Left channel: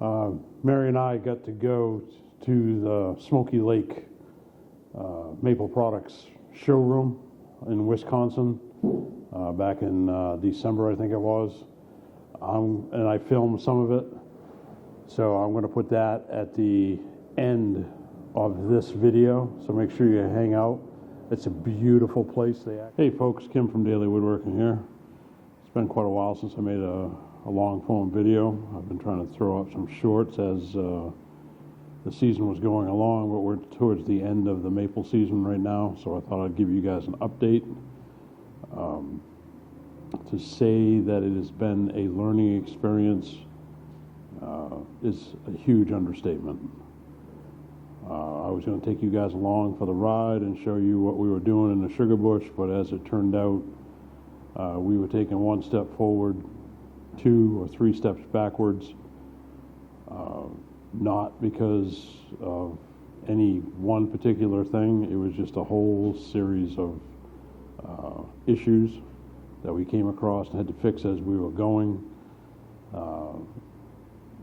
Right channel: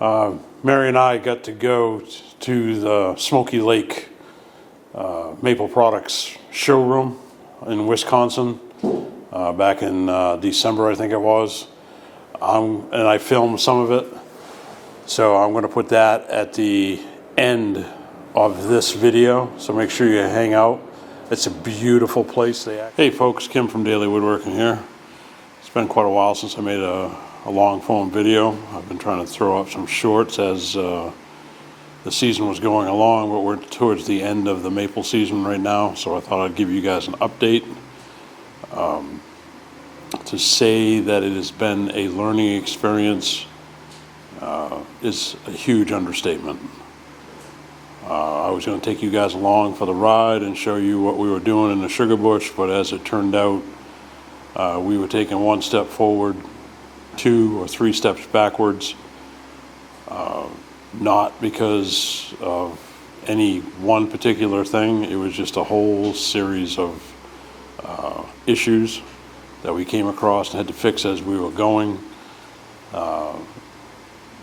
Mary and I got to go to the Smoky Lake Maple Products showroom in Wisconsin back in December, I think it was. And I filmed some of it. So I'm going to put that at the end of this video. So make sure you hang out. It's a beautiful place. Hey folks, Kim from Daily Woodworking here. It's been quite a while since I made a long form video. I've been trying to throw up some shorts as the season was going along, but we're towards the end of the maple season right now, so I thought I'd give you guys an update. To say that it has been a learning experience is a huge understatement. I was going to take you guys along for the ride and show you what we were doing in the sugar bush, but as it turned out, we were taking one step forward, 2 or 3 steps backwards, not because of any one particular thing. It was just a whole series of issues that we came across and had to fix as we were going.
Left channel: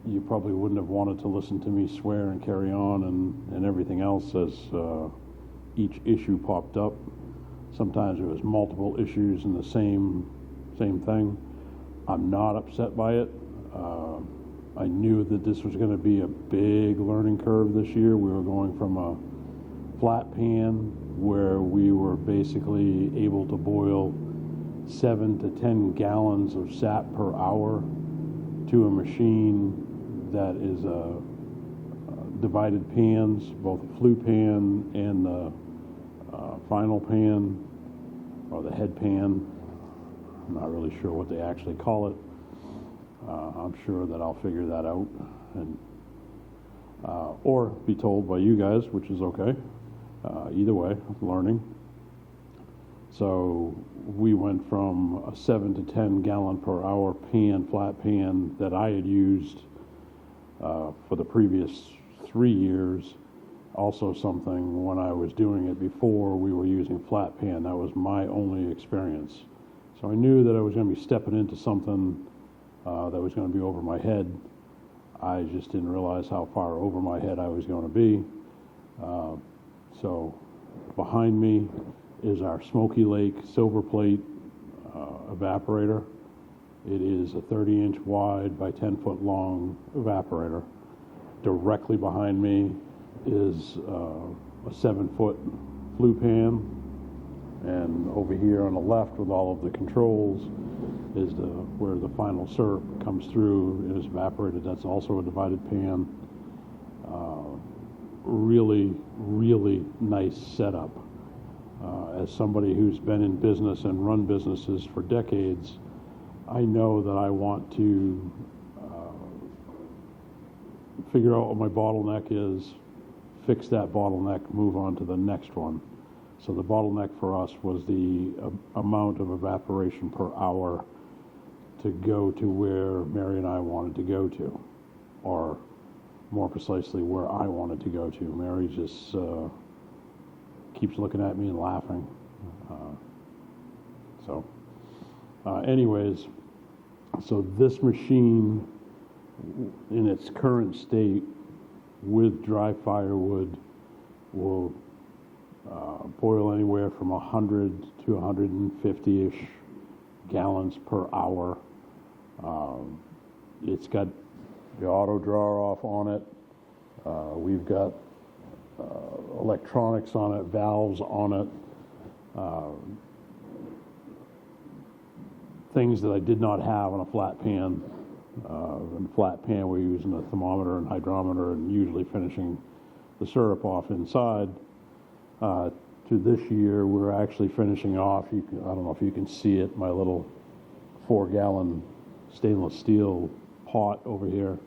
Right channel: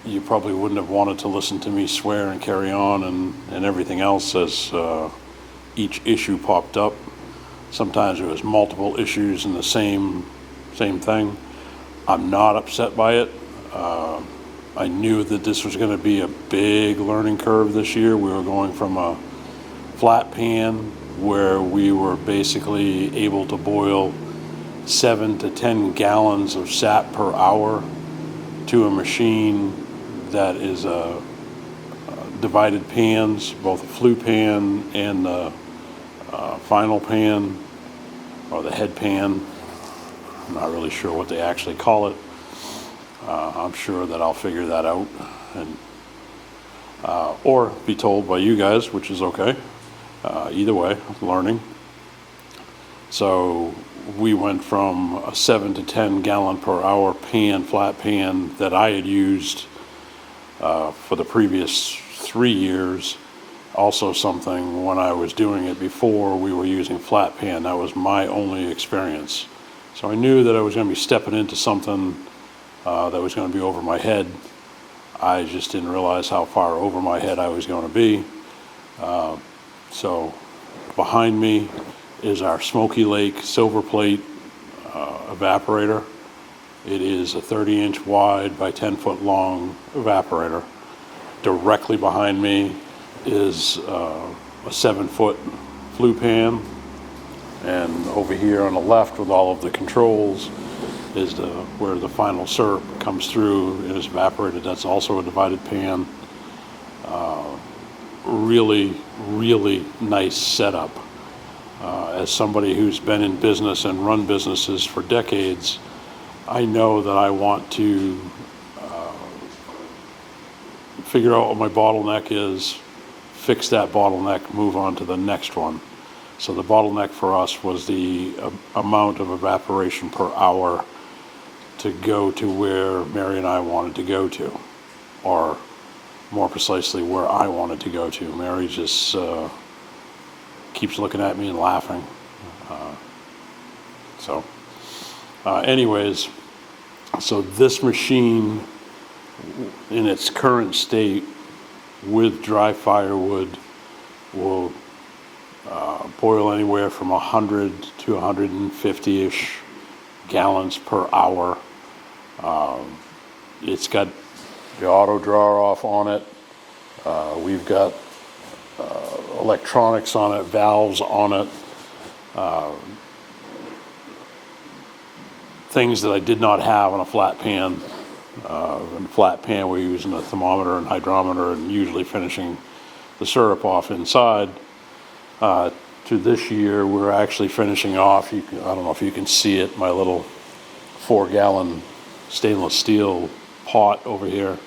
You probably wouldn't have wanted to listen to me swear and carry on and everything else as each issue popped up. Sometimes it was multiple issues in the same thing. I'm not upset by it. I knew that this was going to be a big learning curve this year. We were going from a flat pan where we were basically able to boil 7 to 10 gallons of sap per hour to a machine that is divided pans, both a flue pan and the final pan, or the head pan. I'm not really sure what they actually call it. I'm sure that I'll figure that out, and or be told by you guys, which is okay. Either way, learning. So we went from a 7 to 10 gallon per hour pan, flat pan, that I had used for the previous 3 years. Also something when I was doing it before, we were using flat pan. That was my only experience. So I knew that I was going to be stepping into something that was going to be over my head. I just didn't realize how far over my head I was going to be. So behind me is our Smoky Lake Silverplate evaporator. It is a 30-inch wide by 10-foot long evaporator. Directly behind me is a 7-foot flue pan, and over here on the left with all of the controls is where the final syrup comes through and is evaporated. That's also a divided pan. Really, really nice setup. As somebody who's been in business and run businesses for decades, I know that I want to figure out what my bottleneck is, fix that bottleneck, move on to the next one. So the bottleneck for us was the amount of evaporation per hour to go to where Mary and I wanted to go to, or more precisely where I wanted to go to. Mary just keeps looking at me and laughing. Anyways, so this machine in its current state with dry firewood will boil anywhere from 100 to 150-ish gallons per hour. It's got the auto drawer off on it. We've got electronics on it, valves on it, things that I did not have on a flat pan. In a flat pan, we're using a thermometer and hydrometer and usually finishing the syrup off inside. To this year, we're actually finishing off, I don't know if you can see it, my little 4-gallon stainless steel pot over here.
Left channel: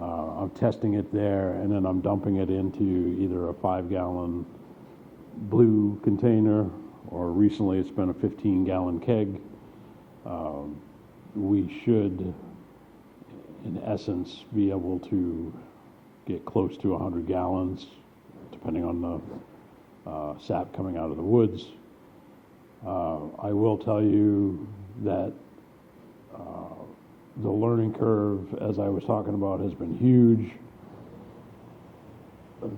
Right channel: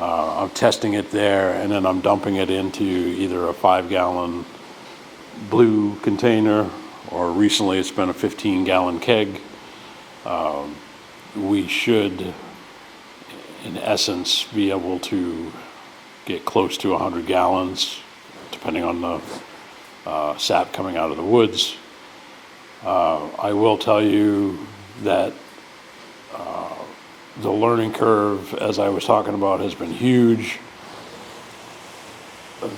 I'm testing it there, and then I'm dumping it into either a 5-gallon blue container, or recently it's been a 15-gallon keg. We should, in essence, be able to get close to 100 gallons, depending on the sap coming out of the woods. I will tell you that the learning curve, as I was talking about, has been huge.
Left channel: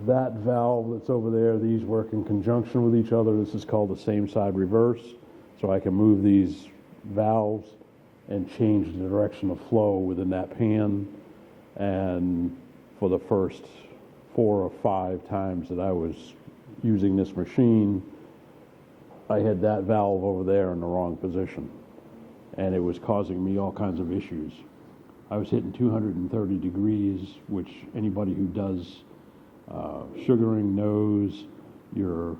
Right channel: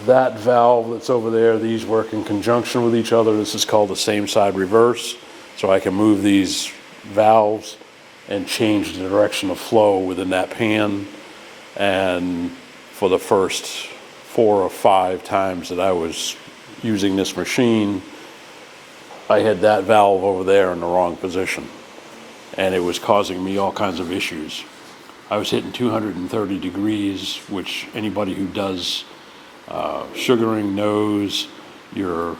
That valve that's over there, these work in conjunction with each other. This is called the same side reverse. So I can move these valves and change the direction of flow within that pan. And for the first 4 or 5 times that I was using this machine, I had that valve over there in the wrong position, and it was causing me all kinds of issues. I was hitting 230 degrees, which anybody who does sugaring knows your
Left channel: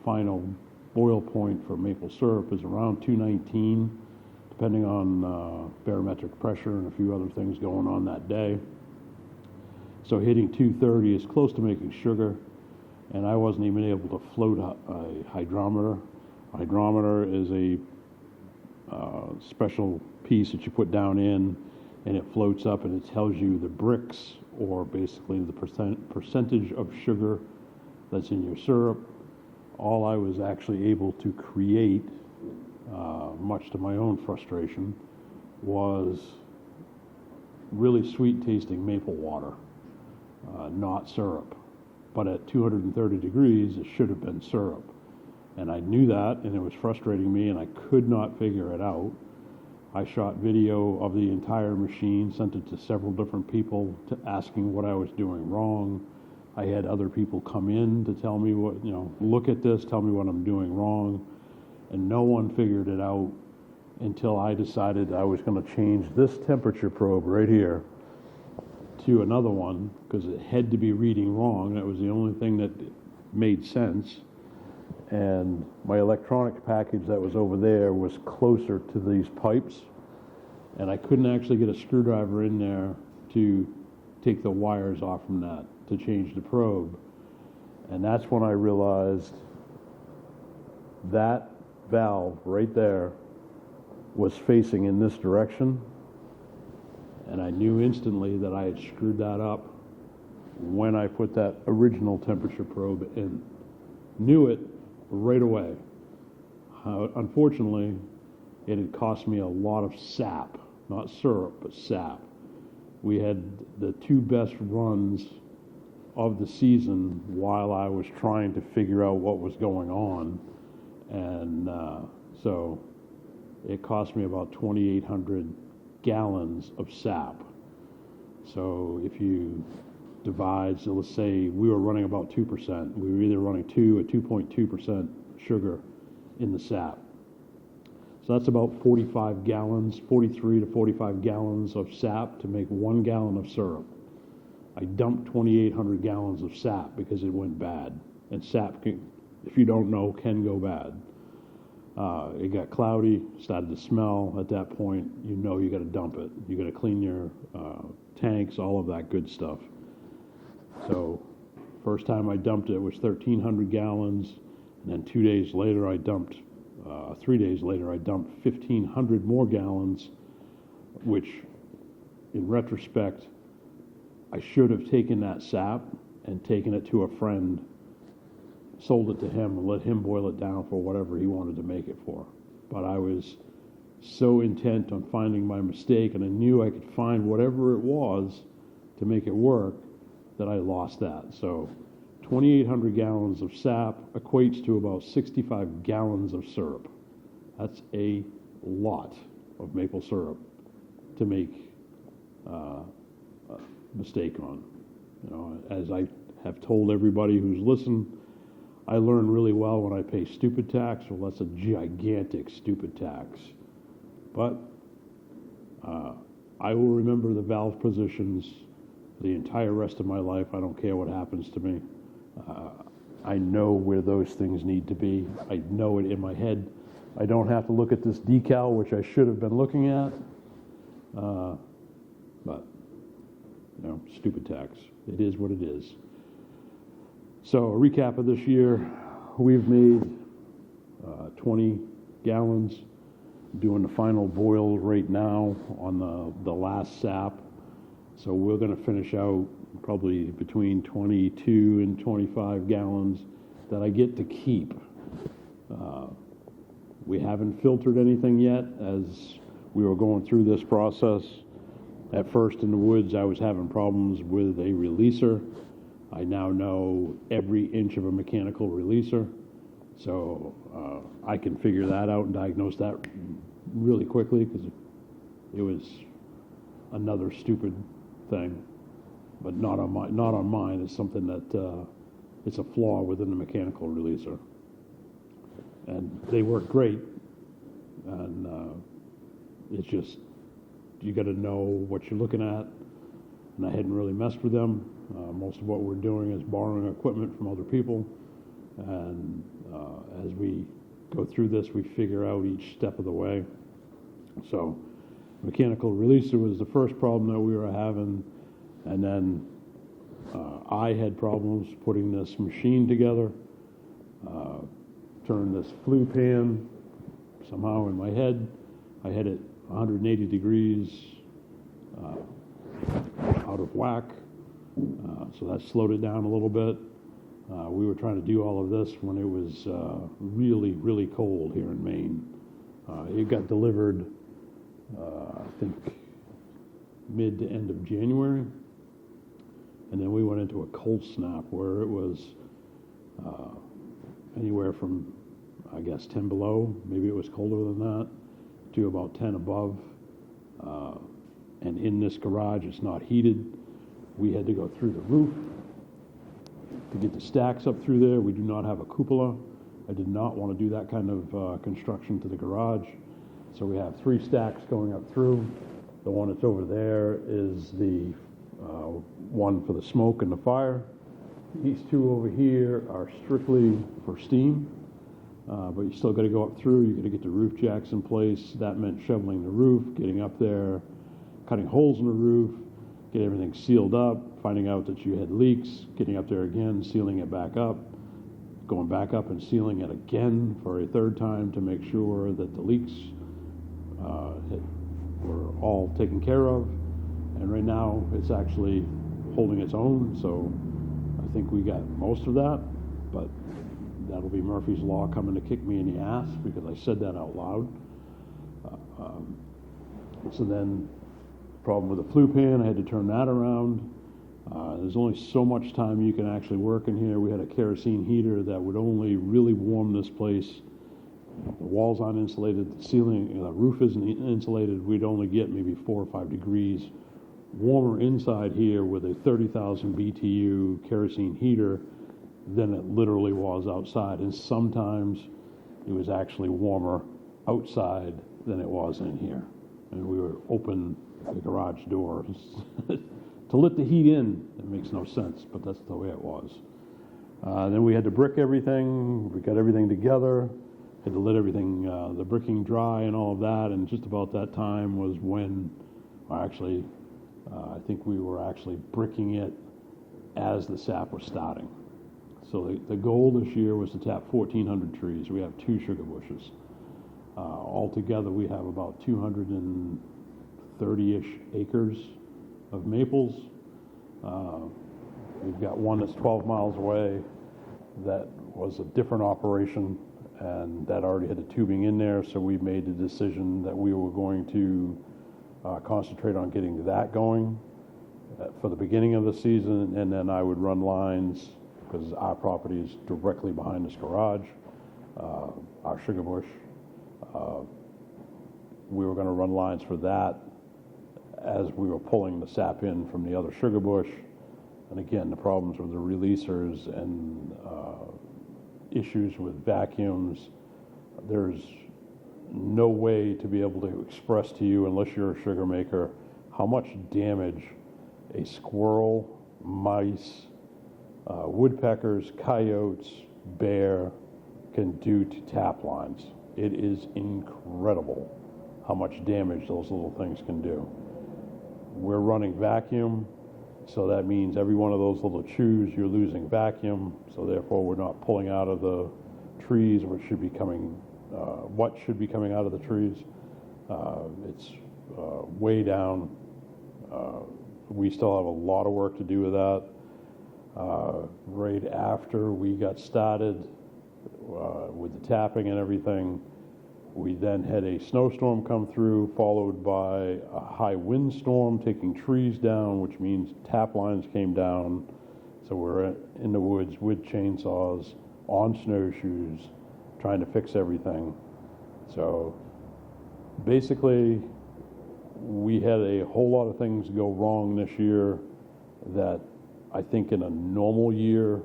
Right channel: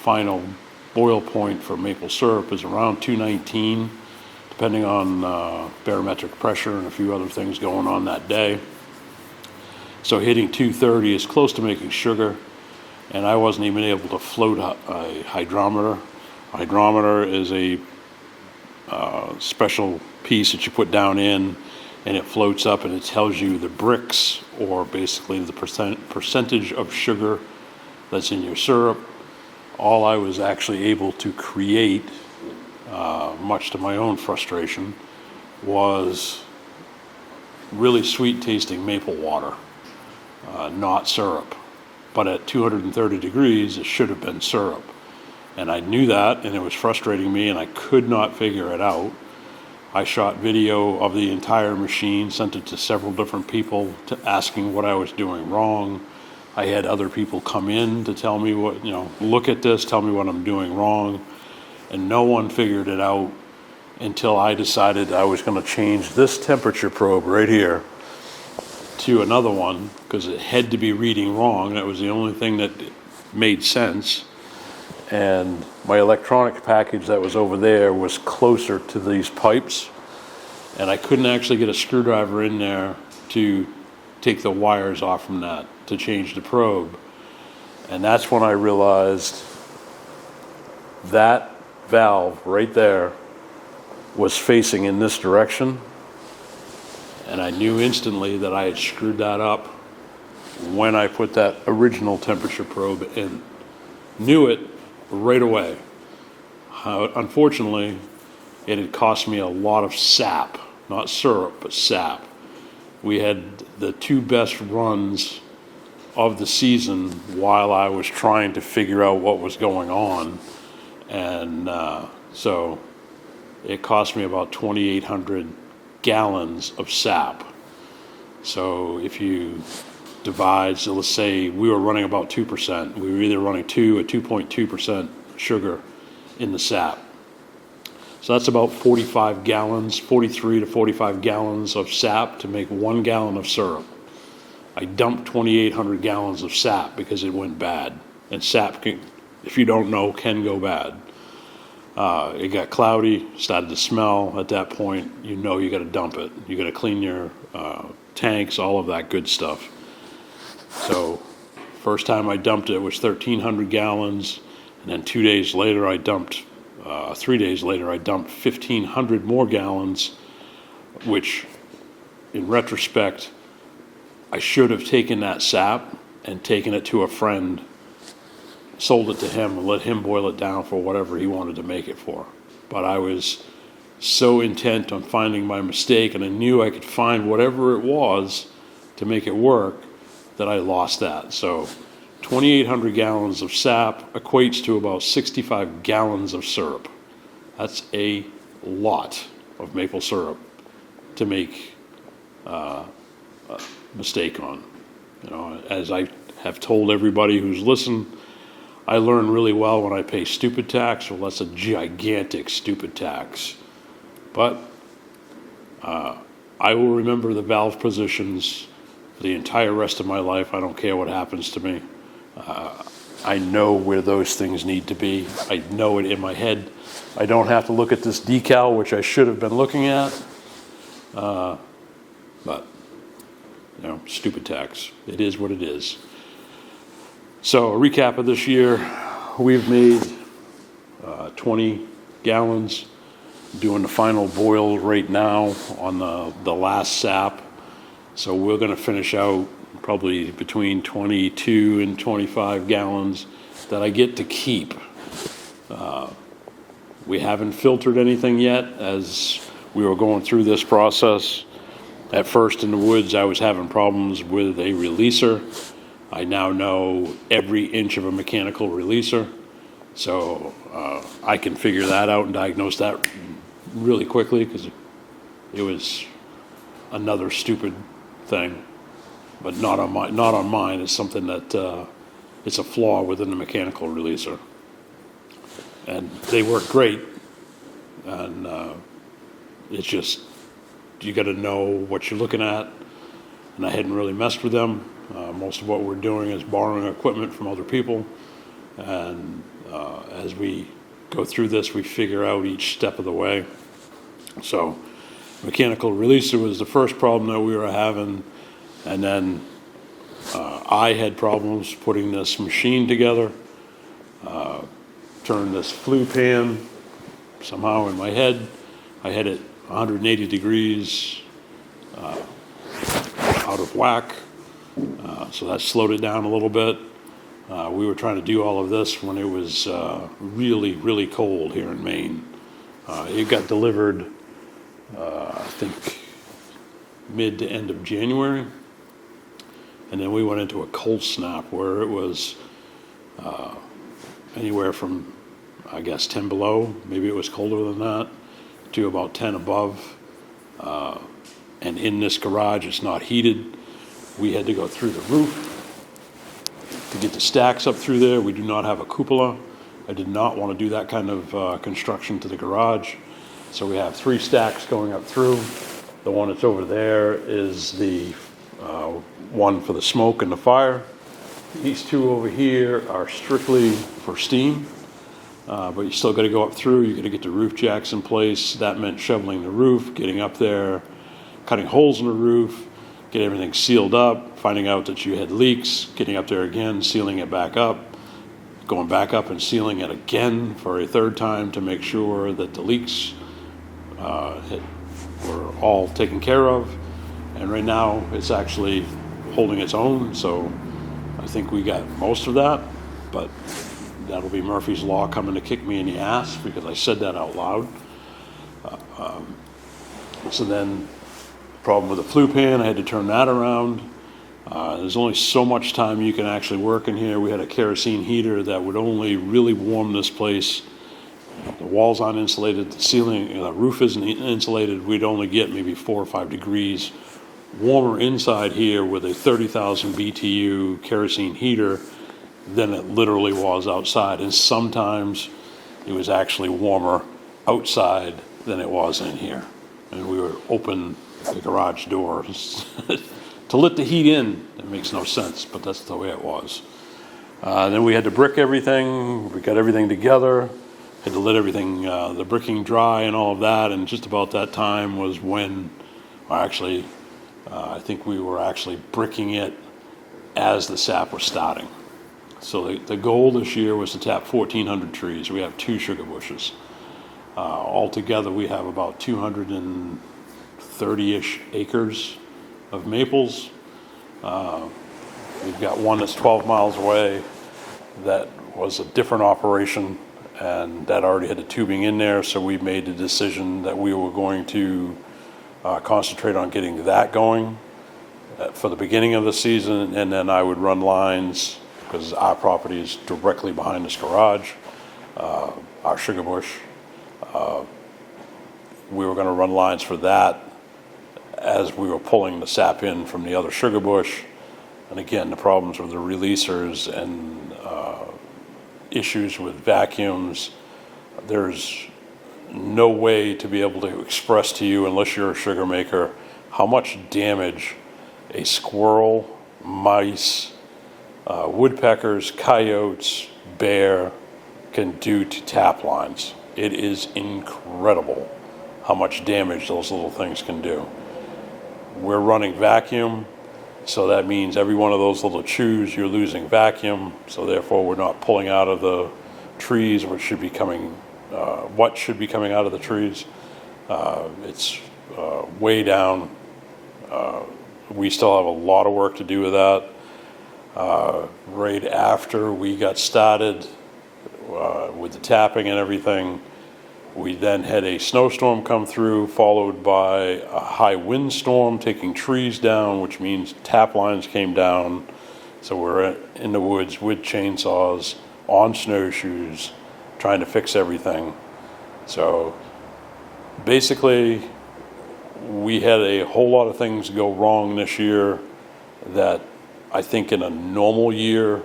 final boil point for maple syrup is around 219, depending on barometric pressure and a few other things going on that day. So hitting 230 is close to making sugar, and I wasn't even able to float a hydrometer. A hydrometer is a special piece that you put down in, and it floats up and it tells you the Brix, or basically the percentage of sugar that's in your syrup. All I was actually able to create, much to my own frustration, was really sweet tasting maple water, not syrup. But at 230 degrees, it should have been syrup. And I knew that, and it was frustrating me, and I could not figure it out. I shot video of the entire machine, sent it to several different people asking what I was doing wrong. I had other people come in to tell me what, look at this, tell me what I'm doing wrong. And no one figured it out until I decided I was going to change this temperature probe right here to another one, because it had to be reading wrong. That was the only thing that made sense. And my electronics package that was over there was closer to these pipes, and I couldn't actually get a screwdriver in there to take the wires off from that to change the probe. And that's when I realized that valve right there was facing in this direction, and I knew instantly that I had screwed that up when I put that original temperature probe in. Knew it right away. Unfortunately, it had cost me a lot of sap, not syrup, but sap. We had the 2 best runs of the season while I was trying to figure out what was going on. And so it cost me about 2,800 gallons of sap. So if you divide, so let's say we were running about 2%. We were either running 2 or 2.2% sugar in the sap. So that's about 45 gallons, 43 to 45 gallons of sap to make 1 gallon of syrup. I dumped 2,800 gallons of sap because it went bad. And sap, if you don't know, can go bad. It got cloudy, started to smell. At that point, you got to dump it. You got to clean your tanks, all of that good stuff. So first time I dumped it was 1,300 gallons, and then 2 days later I dumped, 3 days later I dumped 1,500 more gallons, which in retrospect, I should have taken that sap and taken it to a friend, sold it to him, and let him boil it down for whatever he wanted to make it for. But I was so intent on finding my mistake, and I knew I could find whatever it was to make it work, that I lost that. So 2,800 gallons of sap equates to about 65 gallons of syrup. That's a lot of maple syrup to make a mistake on. As I have told everybody who's listened, I learn really well when I pay stupid tax. Well, that's a gigantic stupid tax. But I will remember the valve positions for the entire rest of my life. I don't care what happens to me. I know where those things need to be. I know it in my head. I don't have to look at this decal, which I should have been looking at. But, stupid tax. It is what it is. So a recap of this year, we've made 20 gallons, doing the final boil right now on the last sap. So we're going to finish out probably between 22 and 25 gallons that I get to keep. We haven't filtered anything yet, as we were going through this process. At first in the woods, I was having problems with a releaser. I now know every inch of a mechanical releaser, so I can figure that out and diagnose that really quickly, because it was another stupid thing, but not on mine. It's something that it's a flaw within the mechanical releaser, and they work great. And it's just, you got to know what you're looking at, and I hadn't really messed with them. Most of what we're doing is borrowing equipment from other people, and as we go through this, we figure out each step of the way. So mechanical releaser was the first problem that we were having, and then I had problems putting this machine together. Turned this flue pan somehow in my head. I had it 180 degrees out of whack, so that slowed it down a little bit. We were trying to do all of this when it was really, really cold here in Maine. It got delivered, I think, mid to end of January, and then we went into a cold snap where it was anywhere from, I guess, 10 below, maybe it was colder than that, to about 10 above. And in this garage, it's not heated. We had to go through the roof to get the stacks up through there. We do not have a cupola. I did not want to do that kind of construction to the garage. So we have 3 stacks going up through. The one that's over there is the one for the smoke and the fire. These 2 over here are strictly for steam, but you still got to go up through. You got to get the roof jacks in place. That meant shoveling the roof, getting up there, cutting holes in the roof, get everything sealed up, finding out that you had leaks, getting up there again, sealing it back up, going back up and sealing it again for a 3rd time to make sure that the leaks were all taken care of. And right now it's actually holding its own, so I think we got most of that, but that'll be Murphy's Law coming to kick me in the ass because I said that out loud. So then, problem with the flue pan, I had to turn that around. There's only so much time you can actually work in here. We had a kerosene heater that would only really warm this place. The walls aren't insulated, the ceiling, the roof isn't insulated. We'd only get maybe 4 or 5 degrees warmer inside here with a 30,000 BTU kerosene heater than it literally was outside. And sometimes it was actually warmer outside than it was in here. And we would open the garage doors to let the heat in. It makes no sense, but that's the way it was. Then we had to brick everything. We got everything together. Had to let everything, the bricking dry and all of that. And just about that time was when, actually, I think we were actually bricking it as the sap was starting. So the goal this year was to tap 1,400 trees. We have 2 sugar bushes. Altogether, we have about 230-ish acres of maples. We've got one that's 12 miles away that was a different operation, and that already had the tubing in there, so we made the decision that we were going to concentrate on getting that going for the beginning of the season, and then I would run lines, because our property is directly behind this garage, our sugar bush. We were going to run lines for that as we were pulling the sap in from the other sugar bush. And again, the problems with the releasers and issues with vacuums, there's no way to be able to express to you, unless you're a sugar maker, how much damage a squirrel, mice, woodpeckers, coyotes, bear can do to tap lines. It is incredible how much damage those little things can do. We're running vacuum, so that means every one of those little chews you're losing vacuum, so therefore we're not pulling out of the trees what should be coming out of the trees. It's way down. We still have a lot of work to do with that. Right after we got started with the tapping and everything, We then had a snowstorm come through, followed by a high windstorm taking trees down, which means tap lines came down. So we're in the woods with chainsaws, on snowshoes, trying to fix everything. So basically, we had a whole lot of things go wrong this year that I think in a normal year,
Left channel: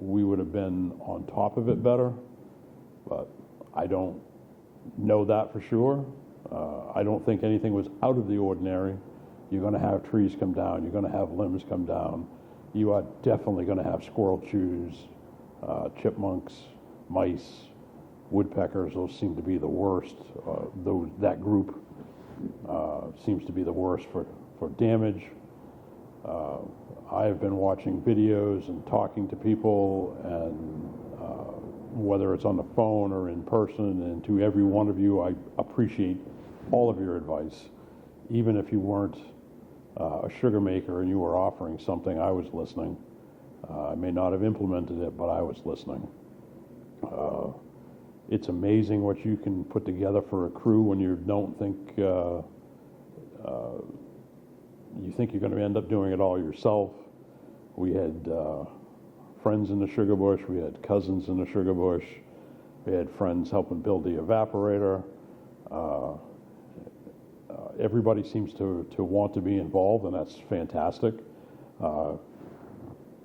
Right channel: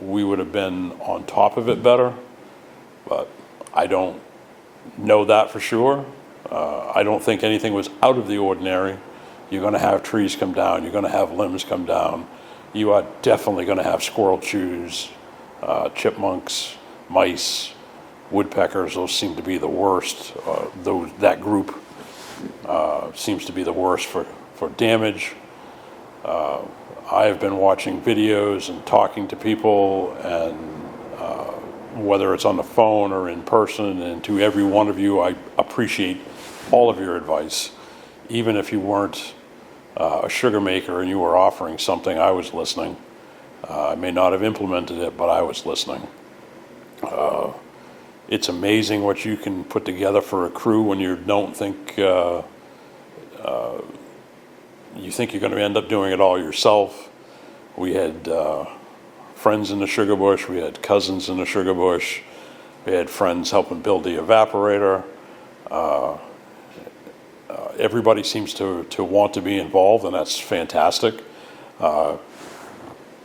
we would have been on top of it better, but I don't know that for sure. I don't think anything was out of the ordinary. You're going to have trees come down. You're going to have limbs come down. You are definitely going to have squirrel chews, chipmunks, mice, woodpeckers. Those seem to be the worst. That group seems to be the worst for damage. I have been watching videos and talking to people, and whether it's on the phone or in person, and to every one of you, I appreciate all of your advice. Even if you weren't a sugar maker and you were offering something, I was listening. I may not have implemented it, but I was listening. It's amazing what you can put together for a crew when you don't think you think you're going to end up doing it all yourself. We had friends in the sugar bush. We had cousins in the sugar bush. We had friends helping build the evaporator. Everybody seems to want to be involved, and that's fantastic.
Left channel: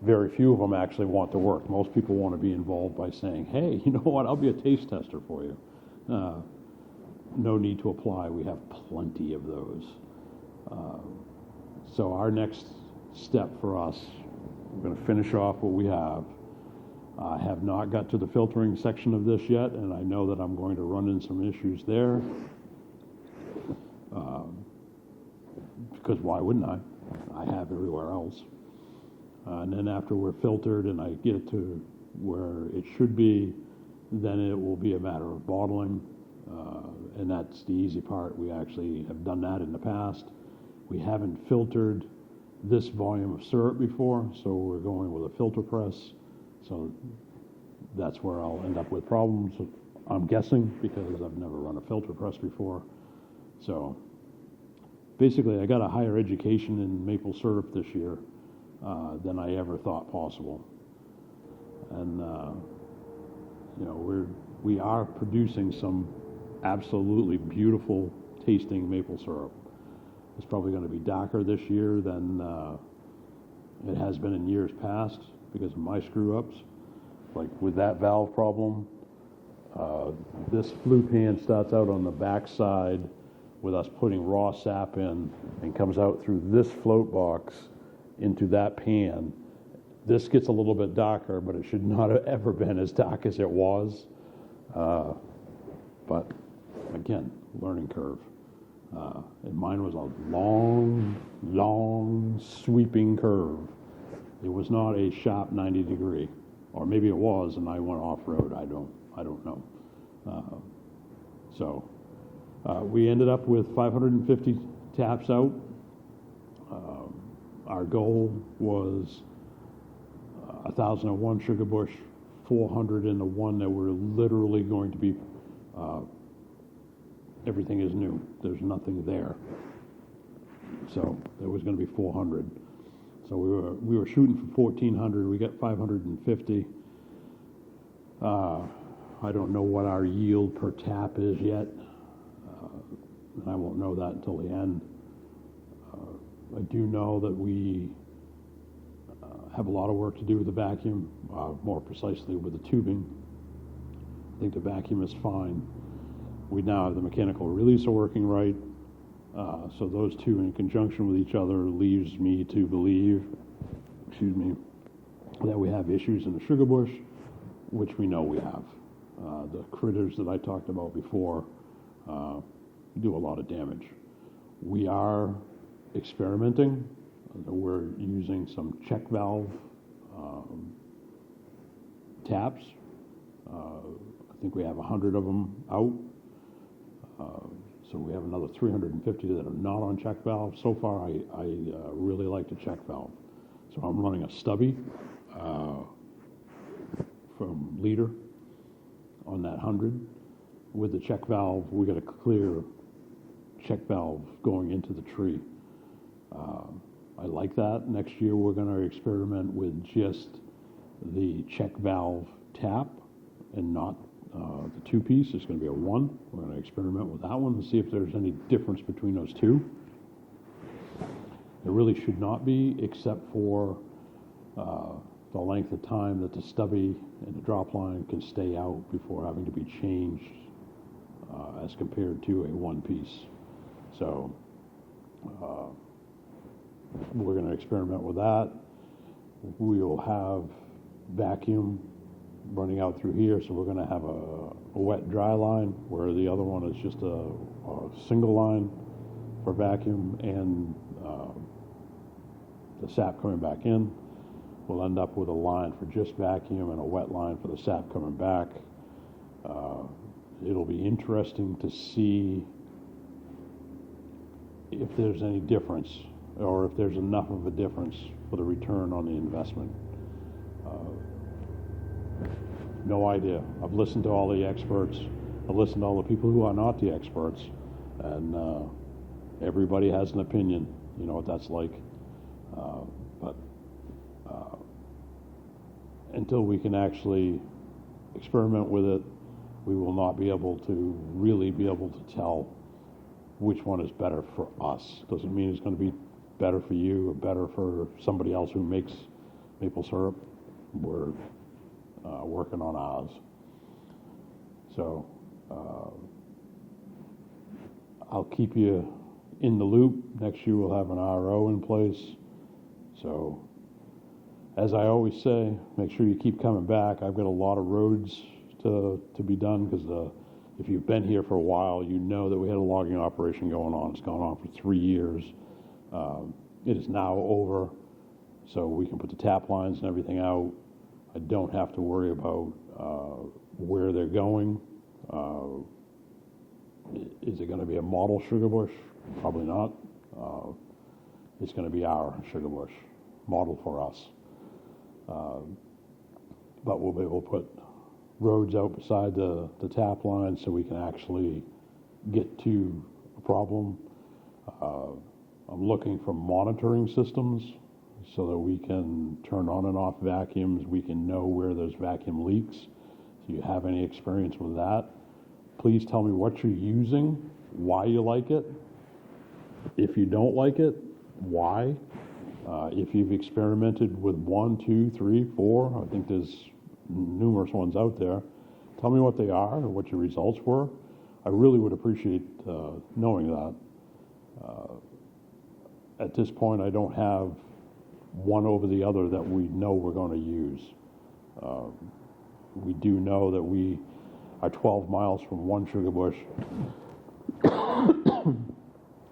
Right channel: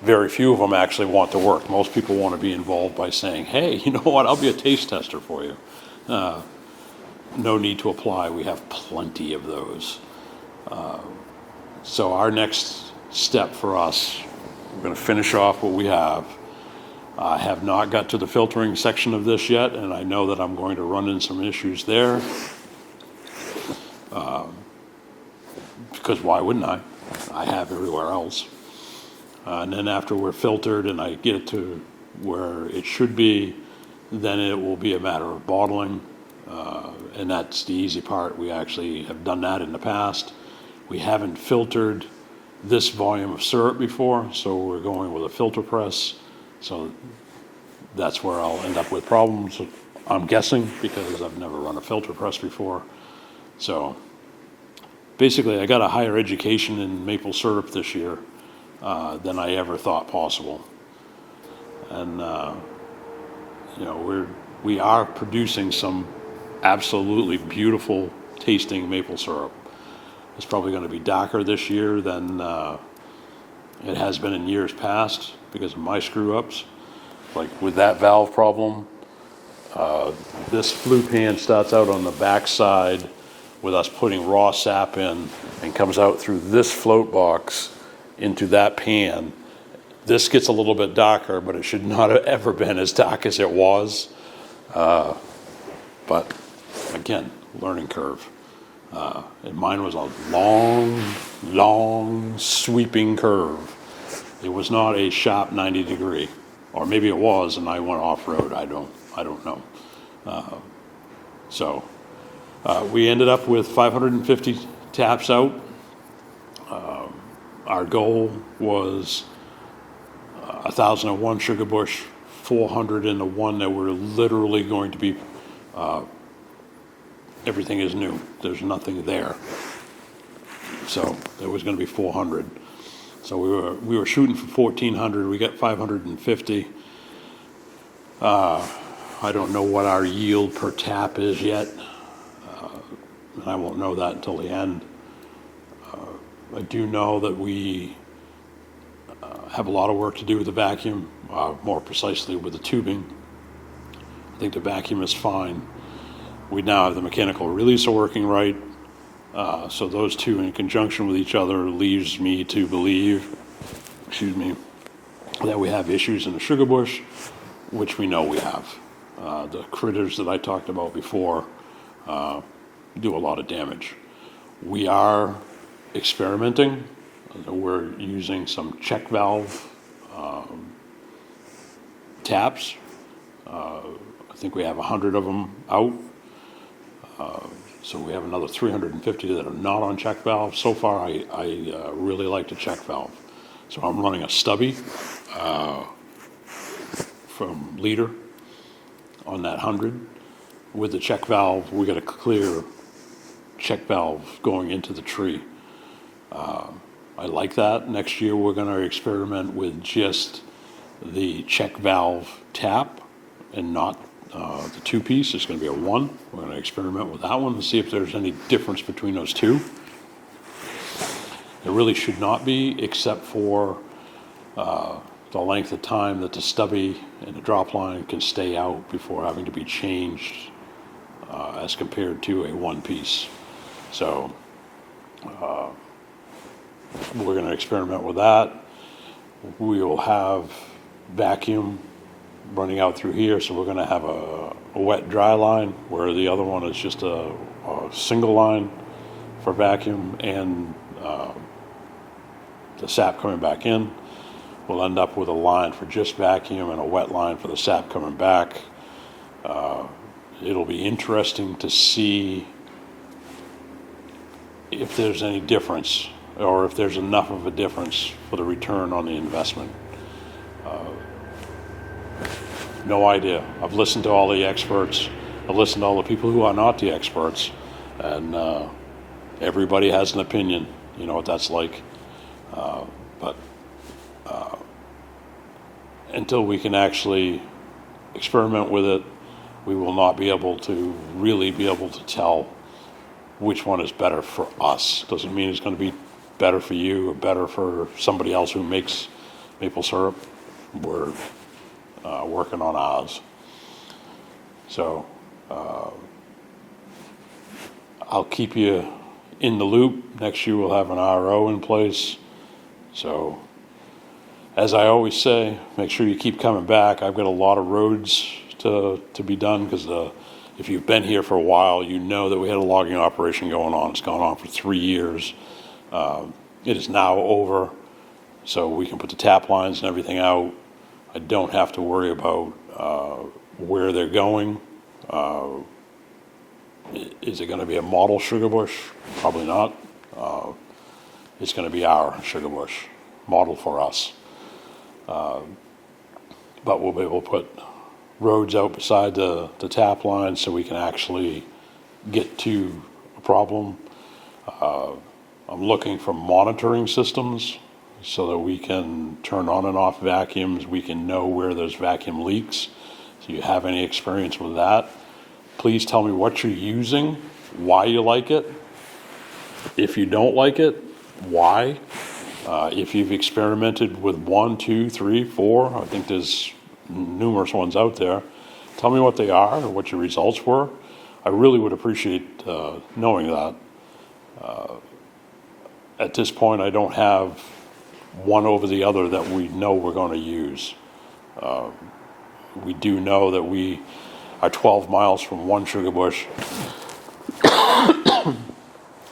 Very few of them actually want to work. Most people want to be involved by saying, hey, you know what, I'll be a taste tester for you. No need to apply. We have plenty of those. So our next step for us, we're going to finish off what we have. I have not got to the filtering section of this yet, and I know that I'm going to run into some issues there. Because why wouldn't I? I have everywhere else. And then after we're filtered and I get it to where it should be, then it will be a matter of bottling. And that's the easy part. We actually have done that in the past. We haven't filtered this volume of syrup before, so we're going with a filter press. So that's where I'll end up with problems, I'm guessing, because I've never run a filter press before. So basically, I got a higher education in maple syrup this year than I ever thought possible. And we are producing some absolutely beautiful tasting maple syrup. It's probably going to be darker this year than it has been in years past because of my screw-ups. Like with that valve problem, this flue pan starts out on the back side with us putting raw sap in and comes out through this float box into that pan. This gets a little bit darker, but it should not have ever been as dark as it was. But again, learning curve. And mine was a long, sweeping curve. It was not a sharp 90 degree, or maybe it was, and I went off-road. I don't know. So we ended up with 550 taps out. Our goal was 1,001 sugar bush, 400 in the one that we're literally going to be. Everything is new. There's nothing there. So there was going to be 400. So we were shooting for 1,400. We got 550. I don't know what our yield per tap is yet, and I won't know that until the end. I do know that we have a lot of work to do with the vacuum, more precisely with the tubing. I think the vacuum is fine. We now have the mechanical releaser working right. So those two in conjunction with each other leaves me to believe, that we have issues in the sugar bush, which we know we have. The critters that I talked about before do a lot of damage. We are experimenting. We're using some check valve taps. I think we have 100 of them out. So we have another 350 that are not on check valve. So far, I really like the check valve. So I'm running a stubby from Leader on that 100. with the check valve, we got a clear check valve going into the tree. I like that. Next year, we're going to experiment with just the check valve tap and not the two-piece. It's going to be a one. We're going to experiment with that one and see if there's any difference between those two. There really should not be, except for the length of time that the stubby and the drop line can stay out before having to be changed as compared to a one-piece. So we're going to experiment with that. We will have vacuum running out through here, so we're going to have a wet dry line, where the other one is just a single line for vacuum and the sap coming back in. We'll end up with a line for just vacuum and a wet line for the sap coming back. It'll be interesting to see if there's any difference, or if there's enough of a difference for the return on the investment. No idea. I've listened to all the experts. I've listened to all the people who are not the experts, and everybody has an opinion. You know what that's like. But until we can actually experiment with it, we will not be able to really be able to tell which one is better for us. Doesn't mean it's going to be better for you or better for somebody else who makes maple syrup. We're working on ours. So I'll keep you in the loop. Next year we'll have an RO in place. So as I always say, make sure you keep coming back. I've got a lot of roads to be done, because if you've been here for a while, you know that we had a logging operation going on. It's gone on for 3 years. It is now over, so we can put the tap lines and everything out. I don't have to worry about where they're going. Is it going to be a model sugar bush? Probably not. It's going to be our sugar bush, model for us. But we'll be able to put roads out beside the tap line so we can actually get to a problem. I'm looking for monitoring systems so that we can turn on and off vacuums. We can know where there's vacuum leaks. So you have any experience with that, please tell me what you're using, why you like it. If you don't like it, why? If you've experimented with 1, 2, 3, 4, I think there's numerous ones out there. Tell me what they are or what your results were. I really would appreciate knowing that. At this point, I don't have one over the other that we know we're going to use. We do know that we are 12 miles from one sugar bush.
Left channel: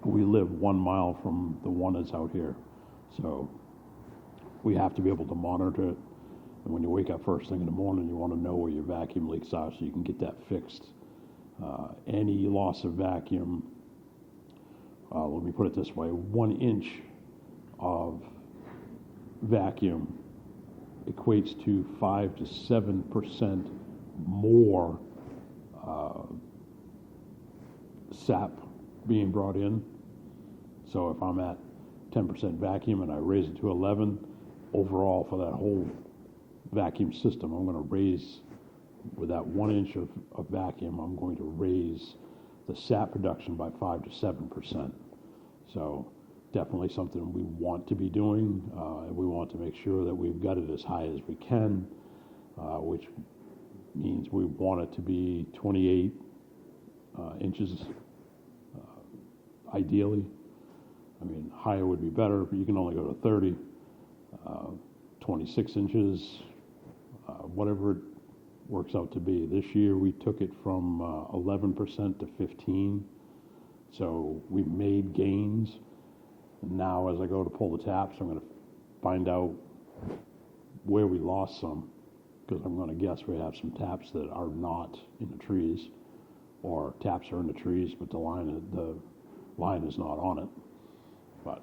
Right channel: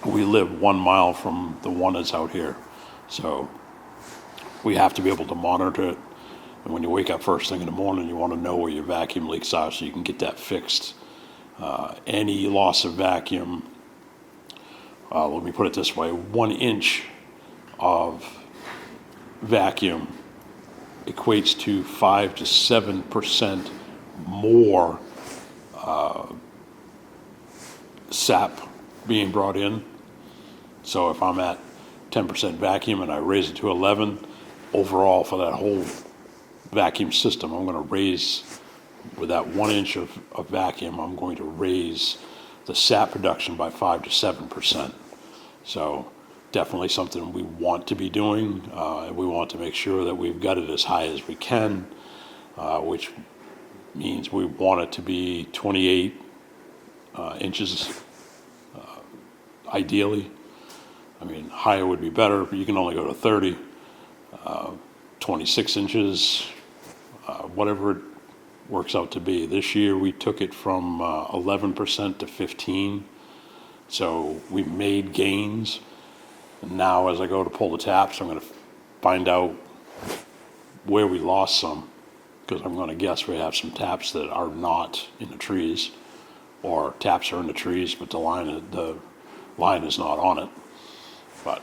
We live 1 mile from the one that's out here. So we have to be able to monitor it. And when you wake up first thing in the morning, you want to know where your vacuum leaks are so you can get that fixed. Any loss of vacuum, let me put it this way, 1 inch of vacuum equates to 5 to 7% more sap being brought in. So if I'm at 10% vacuum and I raise it to 11, overall for that whole vacuum system, I'm going to raise, with that 1 inch of vacuum, I'm going to raise the sap production by 5 to 7%. So definitely something we want to be doing. We want to make sure that we've got it as high as we can, which means we want it to be 28 inches, ideally. I mean, higher would be better, but you can only go to 30, 26 inches, whatever it works out to be. This year we took it from 11% to 15%, so we made gains. And now as I go to pull the taps, I'm going to find out where we lost some, because I'm going to guess we have some taps that are not in the trees, or taps are in the trees, but the line is not on it. But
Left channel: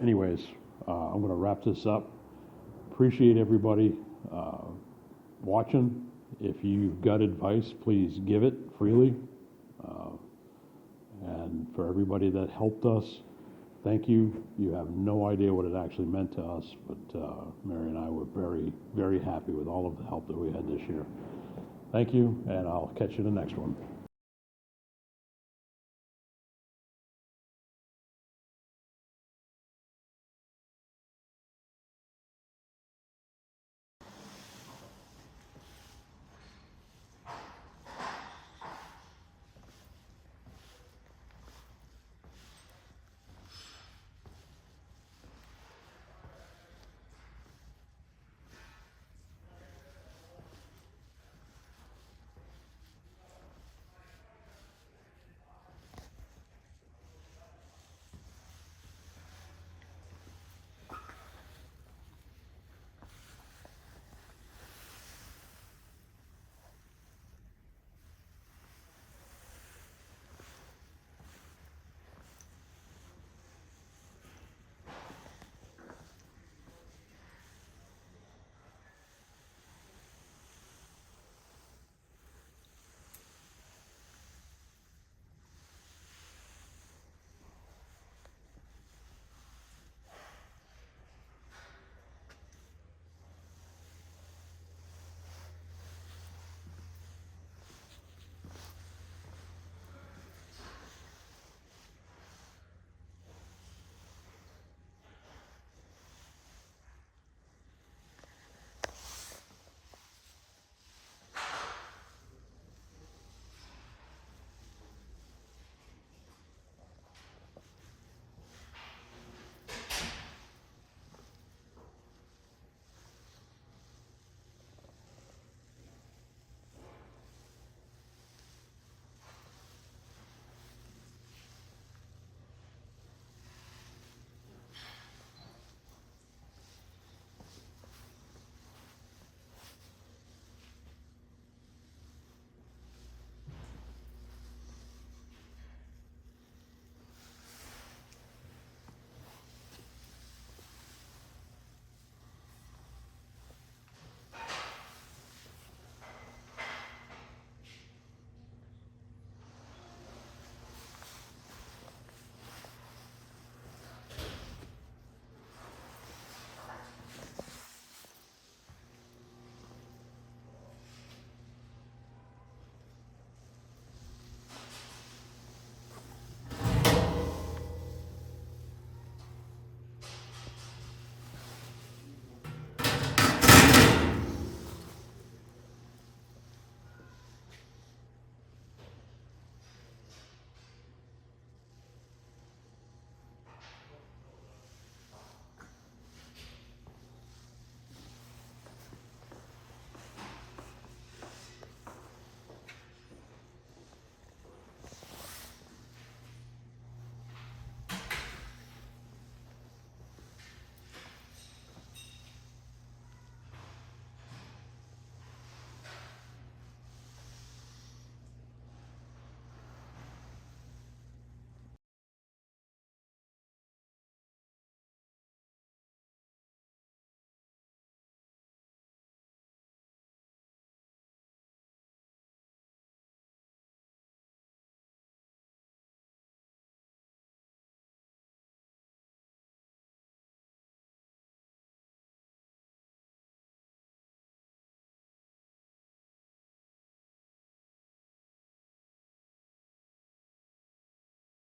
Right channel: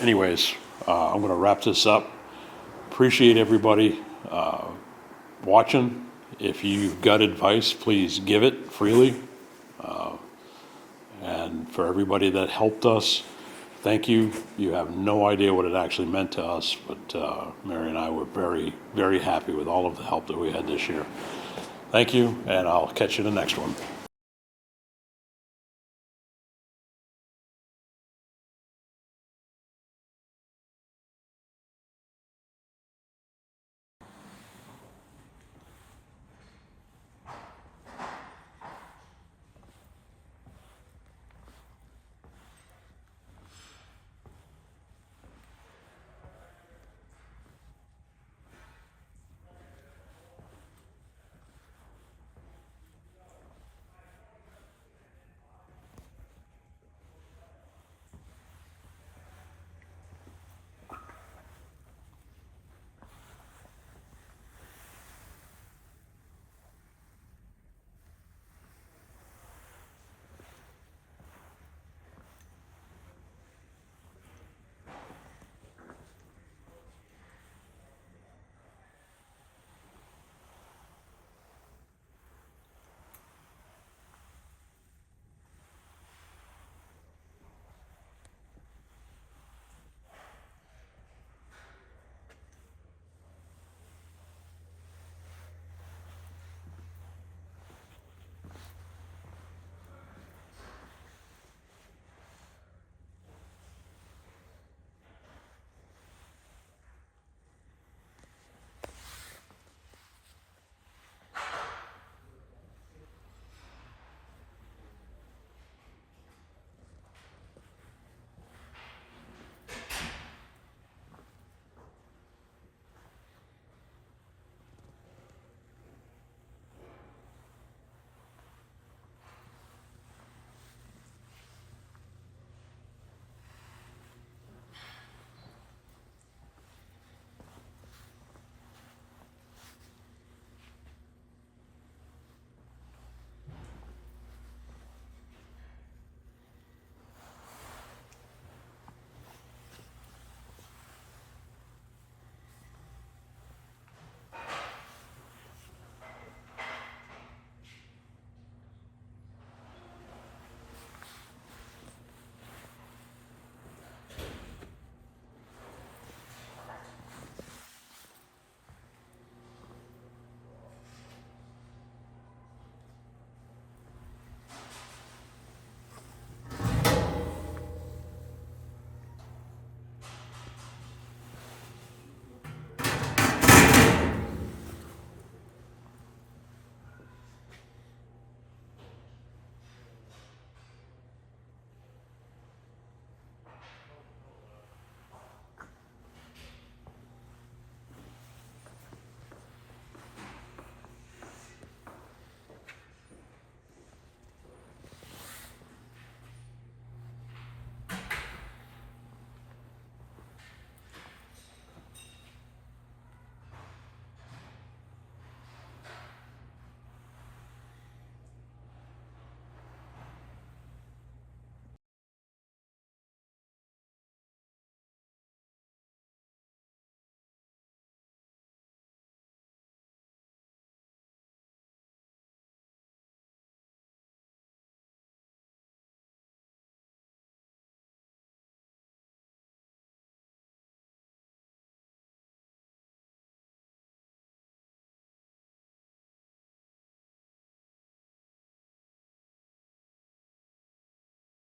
anyways, I'm going to wrap this up. Appreciate everybody watching. If you've got advice, please give it freely. And for everybody that helped us, thank you. You have no idea what it actually meant to us, but Mary and I were very, very happy with all of the help that we had this year. Thank you, and I'll catch you in the next one.